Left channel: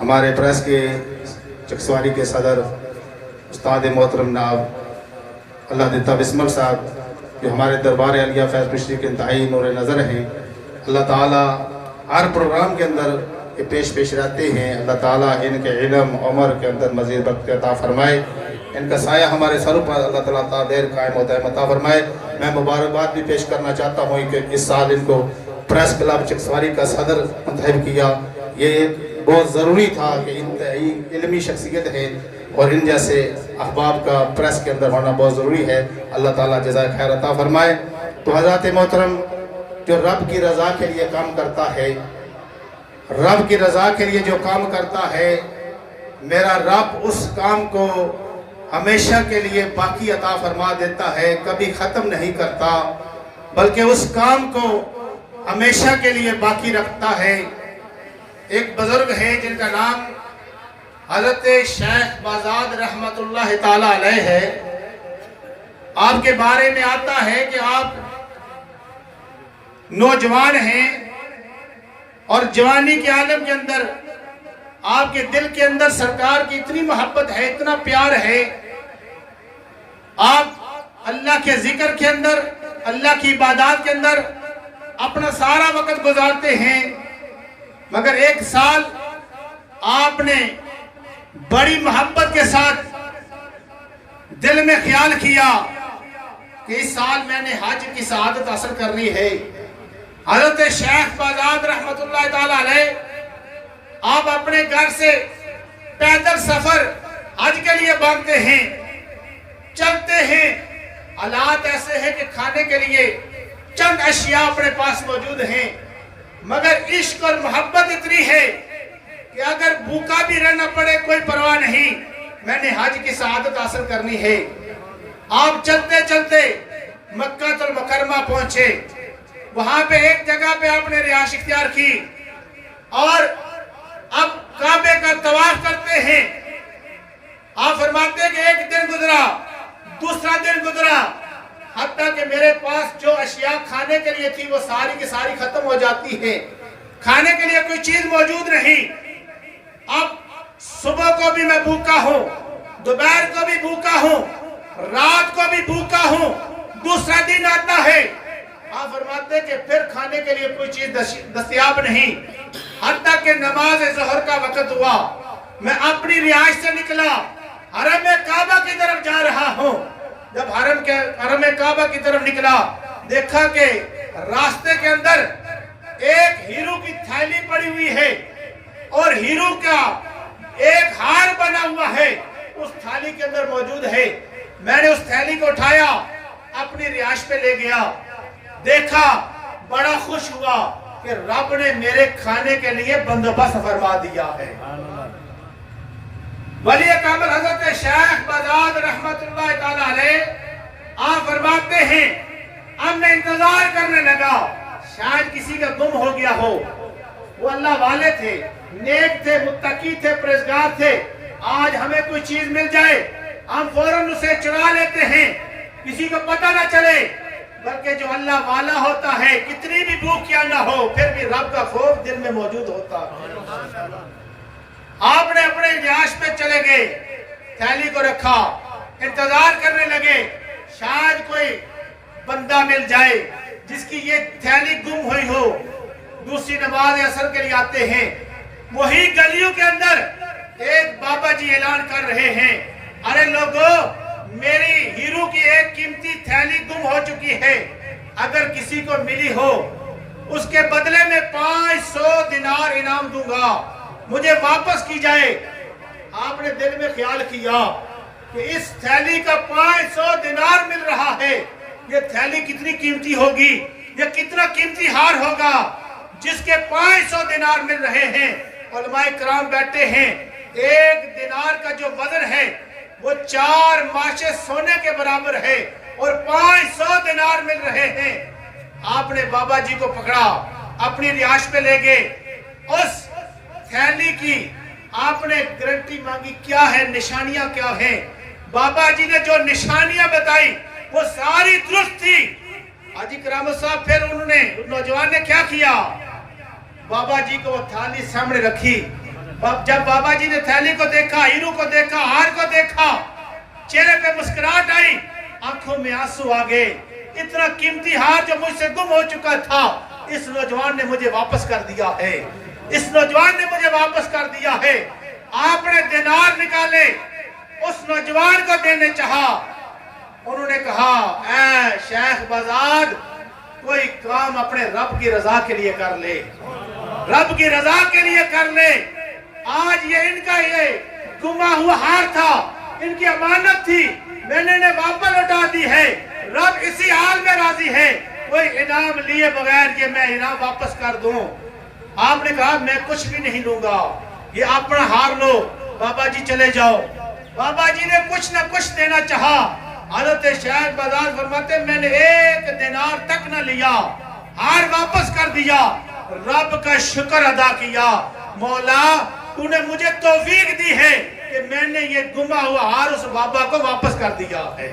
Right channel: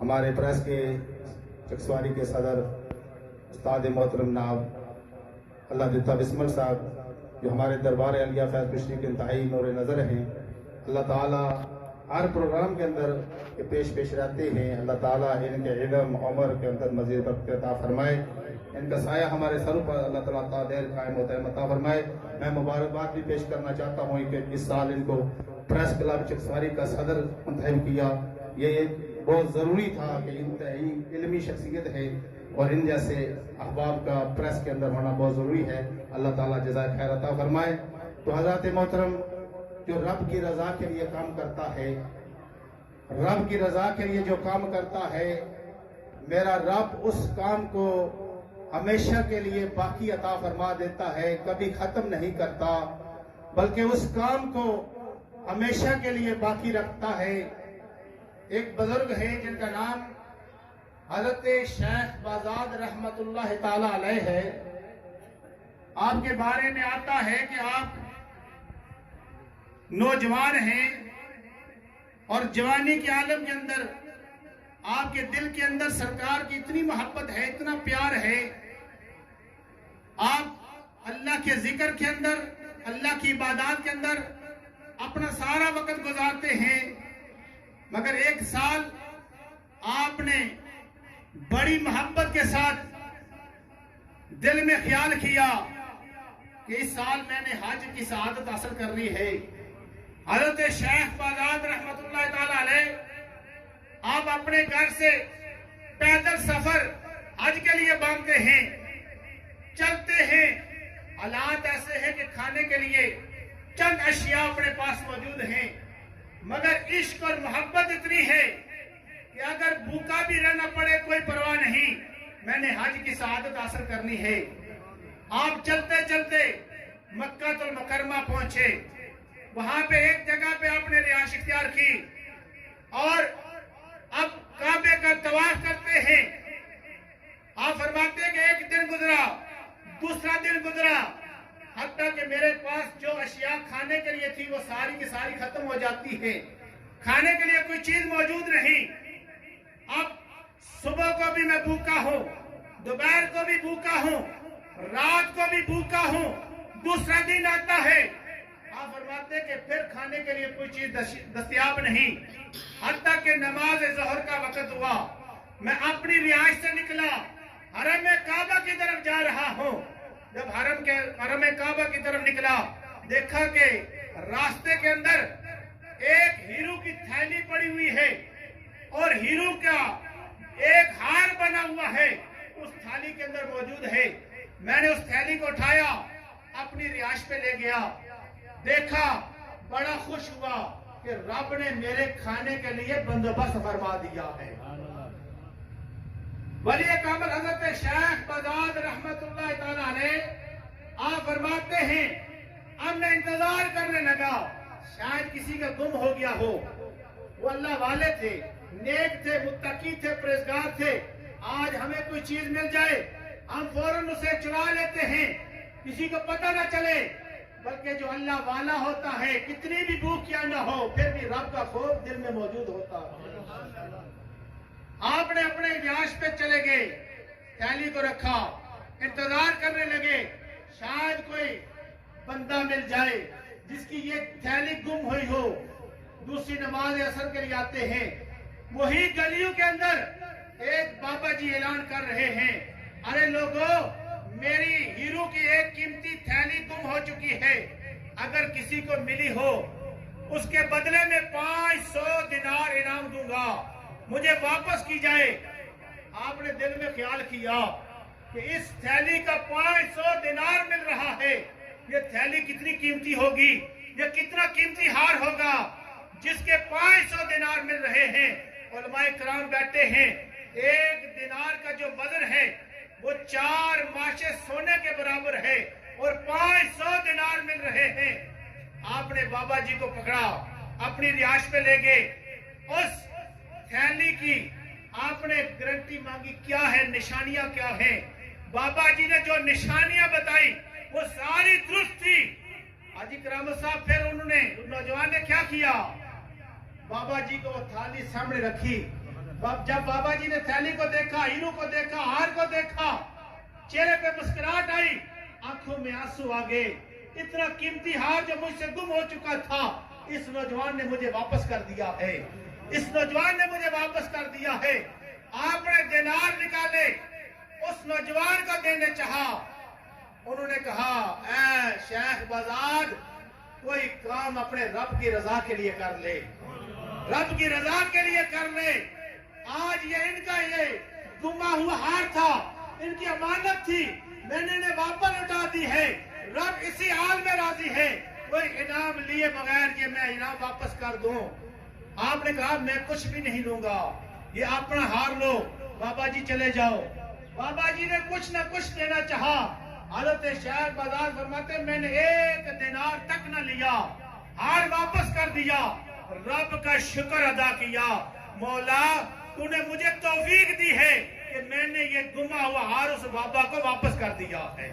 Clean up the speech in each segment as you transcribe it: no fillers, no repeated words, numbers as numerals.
हमारे प्रेस के चकसवारी के सदर उस्ताद मोहतरम नाब अल्लाह दिता बिस्मल साहब, जो हमारे दरबार अलिया फैज़ पिश्ती के इंतहाई नूर नज़र हैं। अल्लाह ताला हर प्रोग्राम के अंदर ये पेश रहते हैं। अल्लाह ताला इनके इल्म उम्र के अंदर मज़ीद बरकत अता फरमाए, इनका साया हमारे सरों पर अल्लाह ताला देर कायम होता है अता फरमाए। मैं मुबारकबाद भी पेश करना चाहता हूँ कि इस साल इनको प्रेस क्लब चकसवारी का सदर मुंतखब किया। ये बहुत ज़रूरी था कि इंतहाई इल्मी शख्सियत है और इन जैसे अहबाब का प्रेस के अंदर होना बहुत ज़रूरी है। अल्लाह ताला जज़ाए खैर अता फरमाए। तो हज़रत मोहतरम जो रब की रज़ा के लिए काम करता है, रब की रज़ा के लिए जो काम करता है, मेरा रब उस काम को हमेशा के लिए बाकी अता फरमा देता है, कभी ख़त्म नहीं करता, बल्कि उस काम को हमेशा के लिए बाकी रखता है। एक बुजुर्ग है जिनका नाम हज़रत शेख बाज़ाद रहमतुल्लाह ताला अलैह है। आपके बारे में आता है कि आप नौजवान हैं और जवानी के आलम के अंदर आपके दिल के अंदर सरकार की इतनी मोहब्बत है, इतना प्यार है। आप अल्लाह के जिक्र के अंदर, अल्लाह की इबादत के अंदर अपना सारा वक्त गुजारते हैं। मगर एक साल आपने बड़ी मोहब्बत के साथ दिल में ख्याल किया कि इस साल मैंने हज की सआदत हासिल करनी है। हज़रत शेख बाज़ाद रहमतुल्लाह ताला अलैह आप अपने घर से पैदल सफर हज के लिए बांधते हैं, चलते हैं। हालात ऐसे हैं कि खाने के लिए चंद अशिया अपने पास मौजूद हैं, मगर इश्क और मोहब्बत इतनी है कि अगर भूखा भी रहना पड़े कोई परवाह नहीं, मैंने हज की सआदत हासिल करनी है। आप चलते चलते मक्का मुकरमा पहुंचे। वहां पे एक जगह पे आपने रिहाइश इख्तियार की और अब काबे का तवाफ करते हैं। आप फरमाते हैं कि एक दिन गुजरा, दूसरा दिन गुजरा, हत्ता कि मेरे पास जो अशिया खाने के लिए थी वो सारी की सारी खत्म हो जाती है। खाने के लिए कोई चीज मौजूद नहीं। अब सुबह को भी मैं भूखा हूँ, दोपहर को भी भूखा हूँ, रात को भी भूखा हूँ, दूसरा दिन आता है। आप फरमाते कि फिर खाने के लिए कोई चीज दस्तयाब नहीं। हत्ता कि नमाज ज़ोहर का वक्त हुआ, मैं अपनी रिहाइश से निकला, हरम काबा की तरफ जा रहा हूँ। जब हरम काबा की तरफ निकला, देखा कि रास्ते के अंदर एक हीरो की थैली पड़ी हुई है और हीरो का एक हार बना हुआ है उस थैली के अंदर मौजूद है। मैंने उस थैली को उठाया, अपनी रिहाइश पे ले गया, देखा, बड़ा खुश हुआ कि रब ने मेरे खाने के लिए बंदोबस्त फरमा दिया है। वली कामिल हज़रत शेख बाज़ाद रहमतुल्लाह ताला अलैह आप फरमाते हैं, अब मैं इंतजार करने लगा शायद किसी का गुम हो गया हो। वो अल्लाह वाले थे, नेक थे, मुत्तकी थे, परहेज़गार थे। आज हमें कोई चीज मिल जाए, हम फौरन उसे चुरा लेते हैं, किसी को पता ना चले। बल्कि जो अल्लाह वाला होता है, कितनी भी भूख क्या ना हो, फिर भी रब का खौफ दिल में मौजूद होता है। आपने अपने रिहाइश पे चले गए, थैली को रखा, इंतजार करने लगे शायद कोई बंदा मिल जाए जिसकी ये थैली गुम हुई हो। दूसरी नमाज असर के लिए आते हैं, वही गलियों के अंदर एक बाबा जी ऐलान कर रहे हैं, अरे लोगों, मेरी हीरो की एक कीमती थैली गुम हो चुकी है, अगर किसी को मिली हो उसके बदले में 500 दिनार इनाम दूंगा, मुझे वापस की जाए। आपने दिल में ख्याल किया कि इस थैली का 500 दिनार मिल रहा है, ये थैली कितनी कीमती होगी, ये कितना कीमती हार होगा जिसके 500 दिनार मिल रहे हैं। उलमाए किराम बैठे हैं, एक दिनार का जो वजन है वो 4 माशे सोने के बराबर है और 500 दिनार मिल रहे हैं। आपने बाबा जी को पकड़ा, अपनी रिहाइश पे ले गए, उस थैली की आपने गारंटी मांगी, क्या है, निशानियां क्या हैं। बाबा जी ने जो निशानियां बताई वो सारी दुरुस्त थी। हाजी करामत साहब फिर उन्होंने, नौजवान ने क्या किया, बाबा जी को वो थाली सामने रखी, जब बाबा जी ने थैली को देखा, हीरू को देखा, हार को देखा, चेहरे पे मुस्कुराहट आई, आंखों में आंसू आ गए। इतना कीमती हार जो मुझसे गुम हो चुका था, इस नौजवान ने मुझे वापस कर दिया है, इस नौजवान ने मुझे वापस कर दिया है। आपने दिनार निकाले, उस नौजवान को देने चाहा। उन्होंने कहा, ऐ शेख बजाद, कोई काम अपने रब की रजा के लिए कर ले, रब की रजा के लिए कर ले। आज ये इनका ये गुमा हुआ हार था, इनकी अमानत थी, मैंने इन्हें वापस लौटा दी है। रब इसी हाल में राजी है, कोई इनाम लिए बगैर ये मैं इनाम वापस कर दूं। आपने कहा, मैं कुछ भी नहीं लूंगा, ये अपना हार लो, बाबा जी चले जाओ। बाबा जी ने कुछ ना कुछ देना चाहा। हज़रत शेख बजाज फरमाते, मैंने एक दिनार तक न लिया, हार वापस कर दिया, रब का शुक्र अदा किया। मौला, तूने मुझे तौफीक दी है कि मैंने ये गुमा हुआ हार उस बाबा को वापस कर दिया है।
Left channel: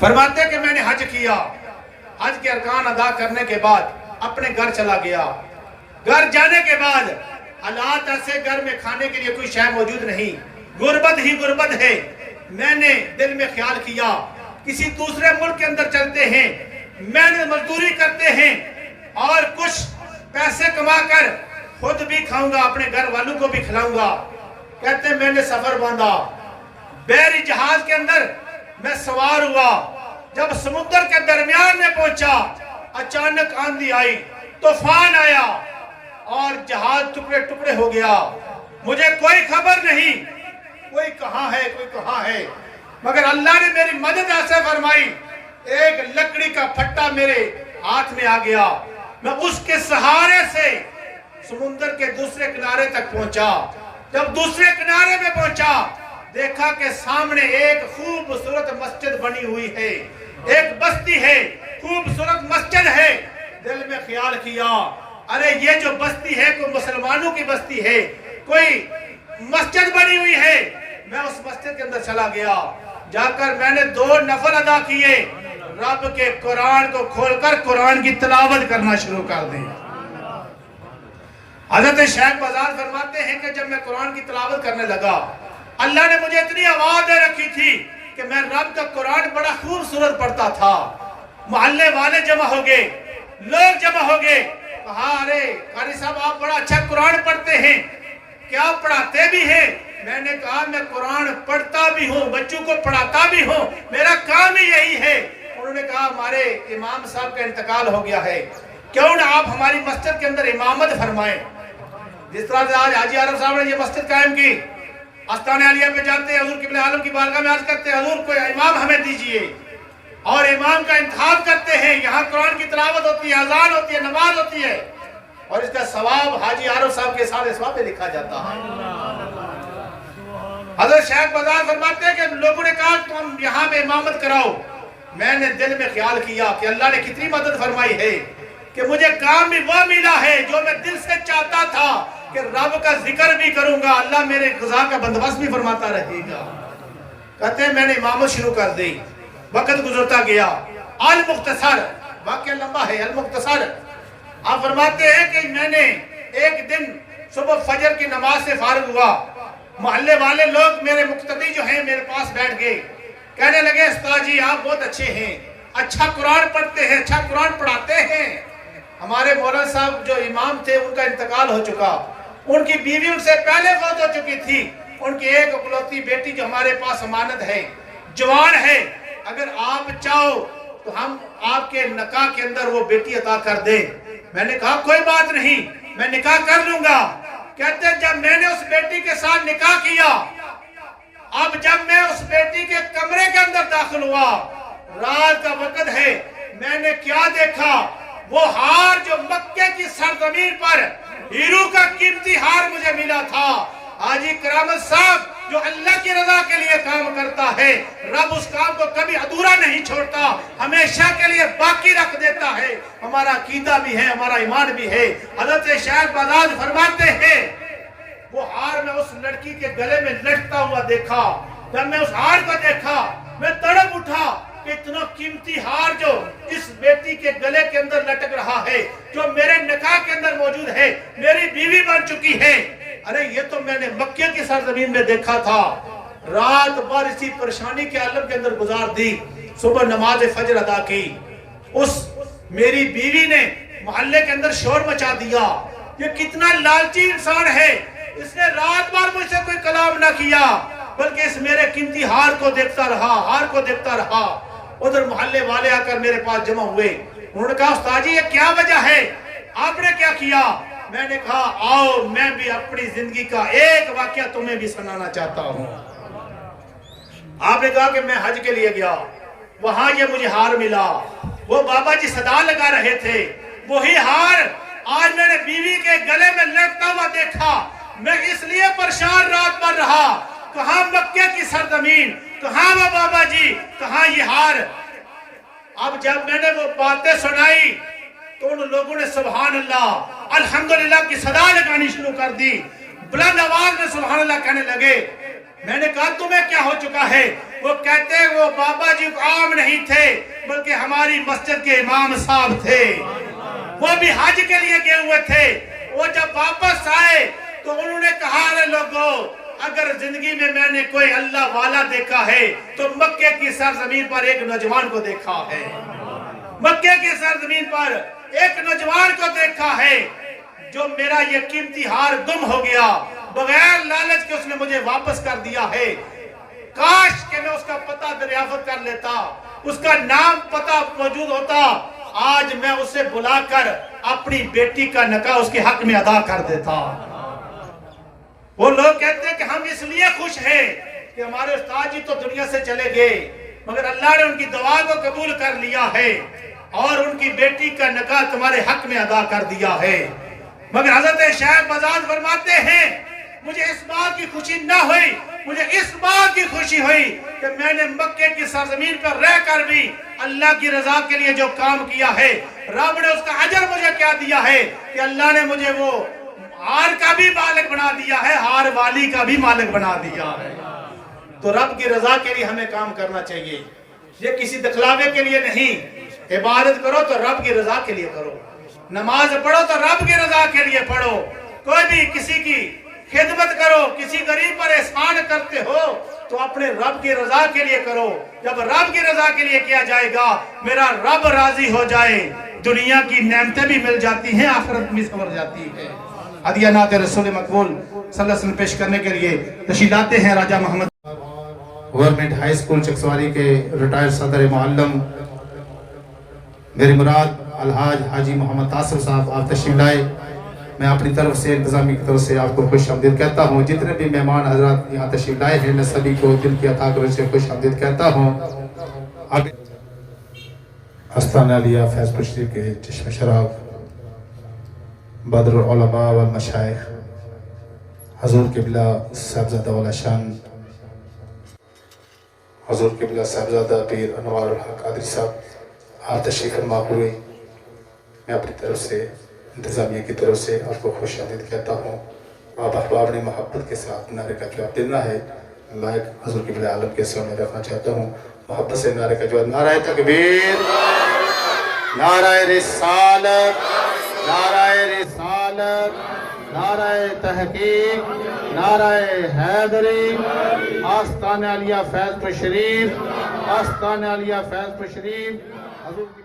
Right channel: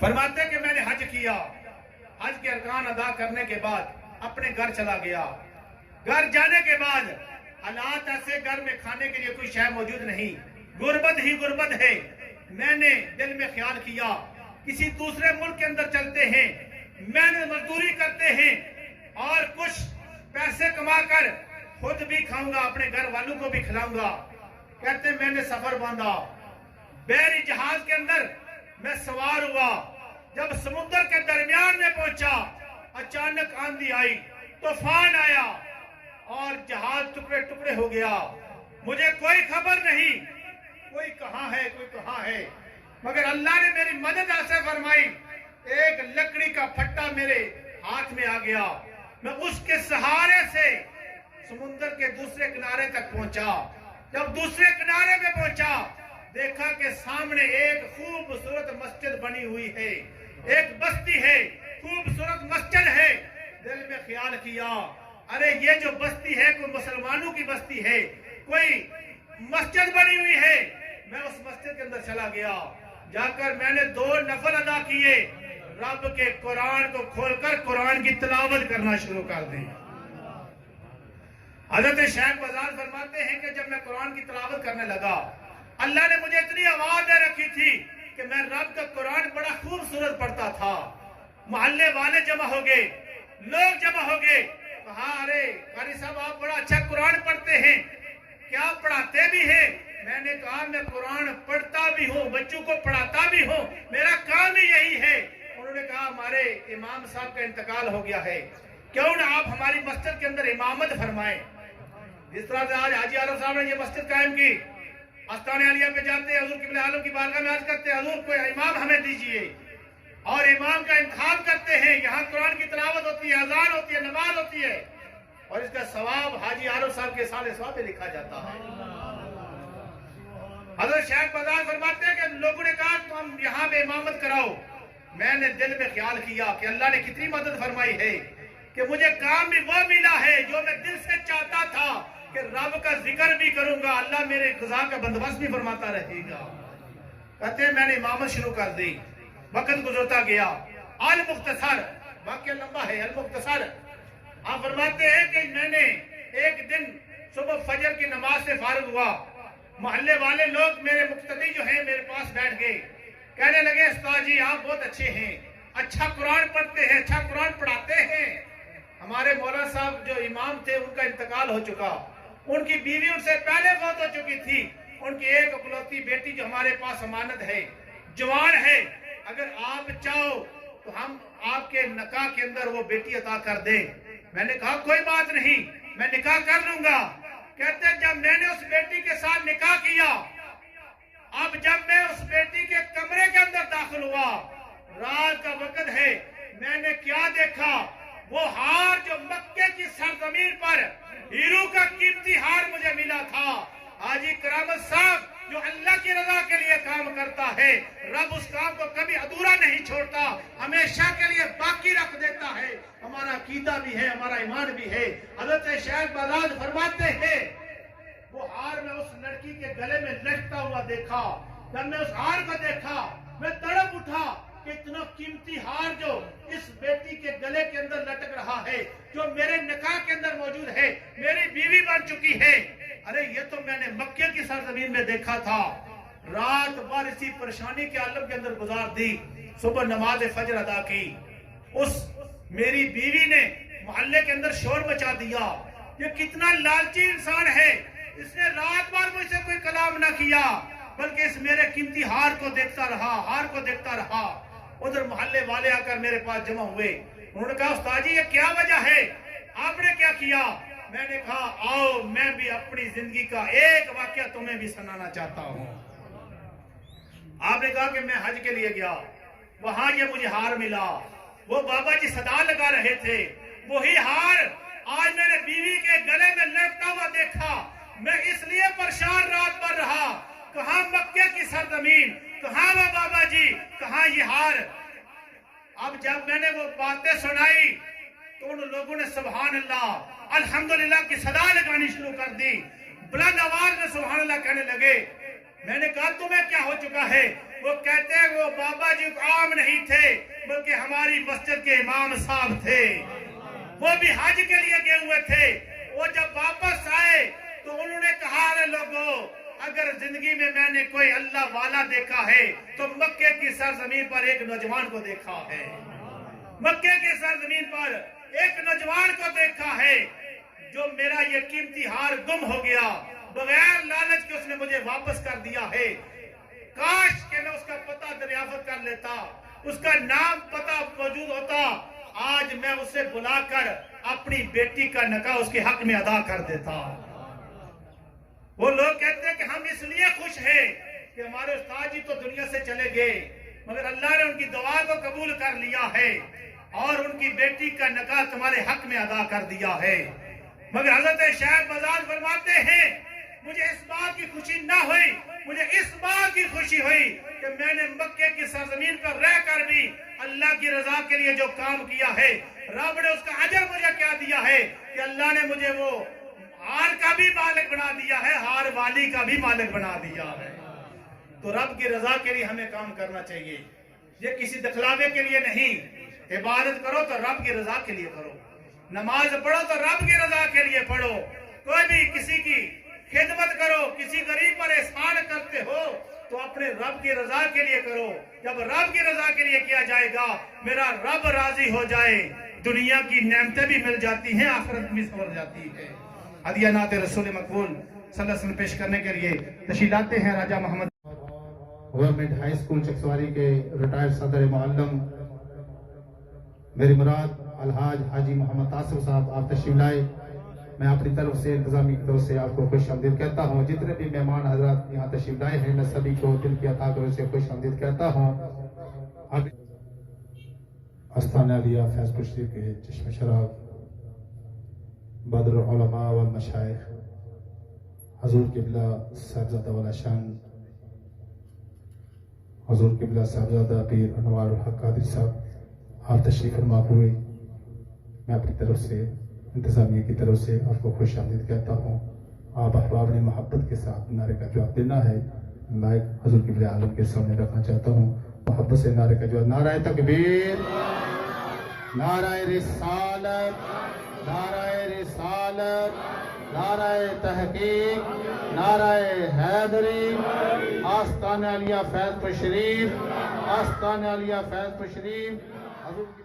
फरमाते कि मैंने हज किया, हज के अरकान अदा करने के बाद अपने घर चला गया। घर जाने के बाद हालात ऐसे, घर में खाने के लिए कोई शय मौजूद नहीं, गुर्बत ही गुर्बत है। मैंने दिल में ख्याल किया, किसी दूसरे मुल्क के अंदर चलते हैं, मेहनत मजदूरी करते हैं और कुछ पैसे कमाकर खुद भी खाऊंगा, अपने घर वालों को भी खिलाऊंगा। कहते हैं, मैंने सफर बांधा, बहरी जहाज के अंदर मैं सवार हुआ। जब समुद्र के दरमियान में पहुंचा, अचानक आंधी आई, तूफान आया और जहाज टुकड़े टुकड़े हो गया। मुझे कोई खबर नहीं, कोई कहां है, कोई कहां है, मगर अल्लाह ने मेरी मदद ऐसे फरमाई, एक लकड़ी का फट्टा मेरे हाथ में आ गया। मैं उसके सहारे से समुद्र के दूसरे किनारे तक पहुंचा। जब दूसरे किनारे में पहुंचा, देखा कि सामने एक खूबसूरत मस्जिद बनी हुई है, एक बस्ती है, खूबसूरत मस्जिद है। दिल में ख्याल किया, अरे ये जो बस्ती है कोई मुसलमानों की बस्ती है, कोई मस्जिद बनी हुई है। मैं उस मस्जिद के अंदर चला गया, जाकर मैंने 2 नफल अदा किए, रब के कुरान को खोलकर कुरान की तिलावत करना शुरू कर दी। हज़रत शेख बजाज फरमाते हैं कि जब मैं कुरान की तिलावत करने लगा, अल्लाह ने मुझे इतनी आवाज दे रखी थी कि मैं रब का कुरान बड़ा खूबसूरत पढ़ता था। मोहल्ले वाले जमा हो गए, लोग जमा हो गए, कहा, अरे कारी साहब, आप बड़ा अच्छा कुरान पढ़ते हैं, क्या पढ़ाते भी हैं? मैंने कहा, मैं कुरान पढ़ता भी हूँ, बच्चों को पढ़ाता भी हूँ, मेरा काम ही यही है। उन्होंने कहा, हमारे इमाम साहब का इंतकाल हो गया है, क्यों ना आप हमारी मस्जिद के अंदर इमामत फरमाएं। जिस तरह से आज हाजी आरफ साहब ने ये मस्जिद कायम की, आस्ताने आलिया पे जाते हैं, हुजूर किबला आलम की बारगाह में अर्ज करते हैं, हुजूर कोई इमाम हमें दीजिए, और इमाम का इंतखाब करते हैं। यहाँ कुरान की तिलावत होती है, अजान होती है, नमाज होती है, और इसका सवाब हाजी आरफ साहब के साथ सवाब में लिखा जाता है। हज़रत शेख बजाज फरमाते हैं कि लोगों ने कहा, तुम यहाँ पे इमामत कराओ। मैंने दिल में ख्याल किया कि अल्लाह ने कितनी मदद फरमाई है कि मुझे काम भी वो मिला है जो मैं दिल से चाहता था कि रब का जिक्र भी करूंगा, अल्लाह मेरे ग़िज़ा का बंदोबस्त भी फरमाता रहेगा। कहते हैं, मैंने इमामत शुरू कर दी, वक्त गुजरता गया। अल मुख्तसर, वाक़या लंबा है, अल मुख्तसर आप फरमाते हैं कि मैंने एक दिन सुबह फजर की नमाज से फारिग हुआ, मोहल्ले वाले लोग मेरे मुक्तदी जो हैं मेरे पास बैठ गए, कहने लगे, उस्ताद जी आप बहुत अच्छे हैं, अच्छा कुरान पढ़ते हैं, अच्छा कुरान पढ़ाते हैं। हमारे मौलाना साहब जो इमाम थे उनका इंतकाल हो चुका, उनकी बीवी उनसे पहले फौत हो चुकी थी, उनकी एक इकलौती बेटी जो हमारे पास अमानत है, जवान है, अगर आप चाहो तो हम आपके निकाह के अंदर वो बेटी अता कर दें। मैंने कहा, कोई बात नहीं, मैं निकाह कर लूंगा। कहते जब मैंने उस बेटी के साथ निकाह किया, अब जब मैं उस बेटी के कमरे के अंदर दाखिल हुआ, रात का वक्त है, मैंने क्या देखा, वो हार जो मक्के की सरजमीन पर हीरू का कीमती हार मुझे मिला था। हाजी करामत साहब जो अल्लाह की रजा के लिए काम करता है, रब उस काम को कभी अधूरा नहीं छोड़ता, हमेशा के लिए बाकी रख देता है। हमारा अकीदा भी है, हमारा ईमान भी है। हज़रत शेख बजाज फरमाते हैं, वो हार में उस लड़की के गले में लटकता हुआ देखा। जब मैं उस हार को देखा, मैं तड़प उठा, इतना कीमती हार जो इस बेटी के गले के अंदर लटक रहा है, जो मेरे निकाह के अंदर मौजूद है, मेरी बीवी बन चुकी है, ارے یہ تو میں نے مکے کی سرزمین میں دیکھا تھا، رات بھر اسی پریشانی کے عالم کے اندر گزار دی، صبح نماز فجر ادا کی، اس میری بیوی نے محلے کے اندر شور مچا دیا، یہ کتنا لالچی انسان ہے، اس نے رات بھر مجھ سے کوئی کلام نہ کیا بلکہ اس میرے قیمتی ہار کو دیکھتا رہا۔ ادھر محلے والے آ کر میرے پاس جمع ہوئے، انہوں نے کہا استاد جی یہ کیا وجہ ہے، آپ نے کیا کیا؟ میں نے کہا آؤ میں بھی اپنی زندگی کا ایک واقعہ تمہیں بھی سنانا چاہتا ہوں۔ آپ نے کہا کہ میں حج کے لیے گیا، وہاں یہ مجھے ہار ملا، وہ بابا جی صدا لگا رہے تھے، وہی ہار آج میں نے بیوی کے گلے میں لٹکتا ہوا دیکھا، میں اس لیے پریشان رات بھر رہا، کہاں مکے کی سرزمین، کہاں وہ بابا جی، کہاں یہ ہار۔ اب جب میں نے وہ باتیں سنائی تو ان لوگوں نے سبحان اللہ الحمدللہ کی صدا لگانی شروع کر دی، بلند آواز میں سبحان اللہ کہنے لگے۔ میں نے کہا تمہیں کیا ہو چکا ہے؟ وہ کہتے ہیں وہ بابا جی عام نہیں تھے بلکہ ہماری مسجد کے امام صاحب تھے، وہ بھی حج کے لیے گئے ہوئے تھے، وہ جب واپس آئے تو انہوں نے کہا ارے لوگوں اگر زندگی میں نے کوئی اللہ والا دیکھا ہے تو مکے کی سرزمین پر ایک نوجوان کو دیکھا ہے، مکے کی سرزمین پر ایک نوجوان کو دیکھا ہے جو میرا یہ قیمتی ہار گم ہو گیا، بغیر لالچ کے اس نے مجھے واپس کر دیا ہے، کاش کہ میں اس کا پتہ دریافت کر لیتا، اس کا نام پتہ موجود ہوتا، آج میں اسے بلا کر اپنی بیٹی کا نکاح اس کے حق میں ادا کر دیتا۔ وہ لوگ کہتے ہیں کہ ہم اس لیے خوش ہیں کہ ہمارے استاد جی تو دنیا سے چلے گئے مگر اللہ نے ان کی دعا کو قبول کر لیا ہے اور ان کی بیٹی کا نکاح تمہارے حق میں ادا کر دیا ہے۔ مگر حضرت شیخ بزاد فرماتے ہیں مجھے اس بات کی خوشی نہ ہوئی، مجھے اس بات کی خوشی ہوئی کہ میں نے مکے کی سرزمین پر رہ کر بھی اللہ کی رضا کے لیے جو کام کیا ہے، رب نے اس کا اجر مجھے کیا دیا ہے کہ اللہ نے مجھے وہ ہار کا بھی مالک بنا دیا ہے، ہار والی کا بھی مالک بنا دیا ہے۔ تو رب کی رضا کے لیے ہمیں کام کرنا چاہیے، یہ کسی دکھلاوے کے لیے نہیں، عبادت کرو تو رب کی رضا کے لیے کرو، نماز پڑھو تو رب کی رضا کے لیے پڑھو، کوئی بھی کسی کی خدمت کرو، کسی غریب پر احسان کرتے ہو تو اپنے رب کی رضا کے لیے کرو، جب رب کی رضا کے لیے کیا جائے گا میرا رب راضی ہو جائے، دنیا کی نعمتیں بھی مل جاتی ہیں، آخرت بھی سنور جاتی ہے۔ ہدیہ نعت رسول مقبول صلی اللہ علیہ وسلم پیش کرنے کے لیے تشریف لاتے ہیں راجہ محمد گورنمنٹ ہائی اسکول چکسواری کے ریٹائر صدر معلم میری مراد الحاج حاجی محمد تاصر صاحب، آپ تشریف لائے۔ میں اپنی طرف سے انتظامیہ کی طرف سے آپ کو خوش آمدید کہتا ہوں، جتنے بھی مہمان حضرات یہاں تشریف لائے ہیں میں سبھی کو دل کی عطا کرنے سے خوش آمدید کہتا ہوں۔ آستانہ علیہ فیض پور شریف کے چشم شراب بدر العلماء والمشائخ حضور قبلہ صاحبزادہ والا شان حضور قبلہ صاحبزادہ پیر انوار الحق قادری صاحب آپ تشریف فرما ہوئے، میں اپنی طرف سے انتظامیہ کی طرف سے آپ کو خوش آمدید کہتا ہوں۔ آپ احباب نے محبت کے ساتھ نعرے کا جواب دینا ہے، میں حضور قبلہ عالم کے سامنے رکھنا چاہتا ہوں، محبت سے نعرے کا جواب، نعرہ تکبیر، نعرہ رسالت، نعرہ رسالت، نعرہ تحقیق، نعرہ حیدری، آستانہ علیہ فیض پور شریف، آستانہ علیہ فیض پور شریف۔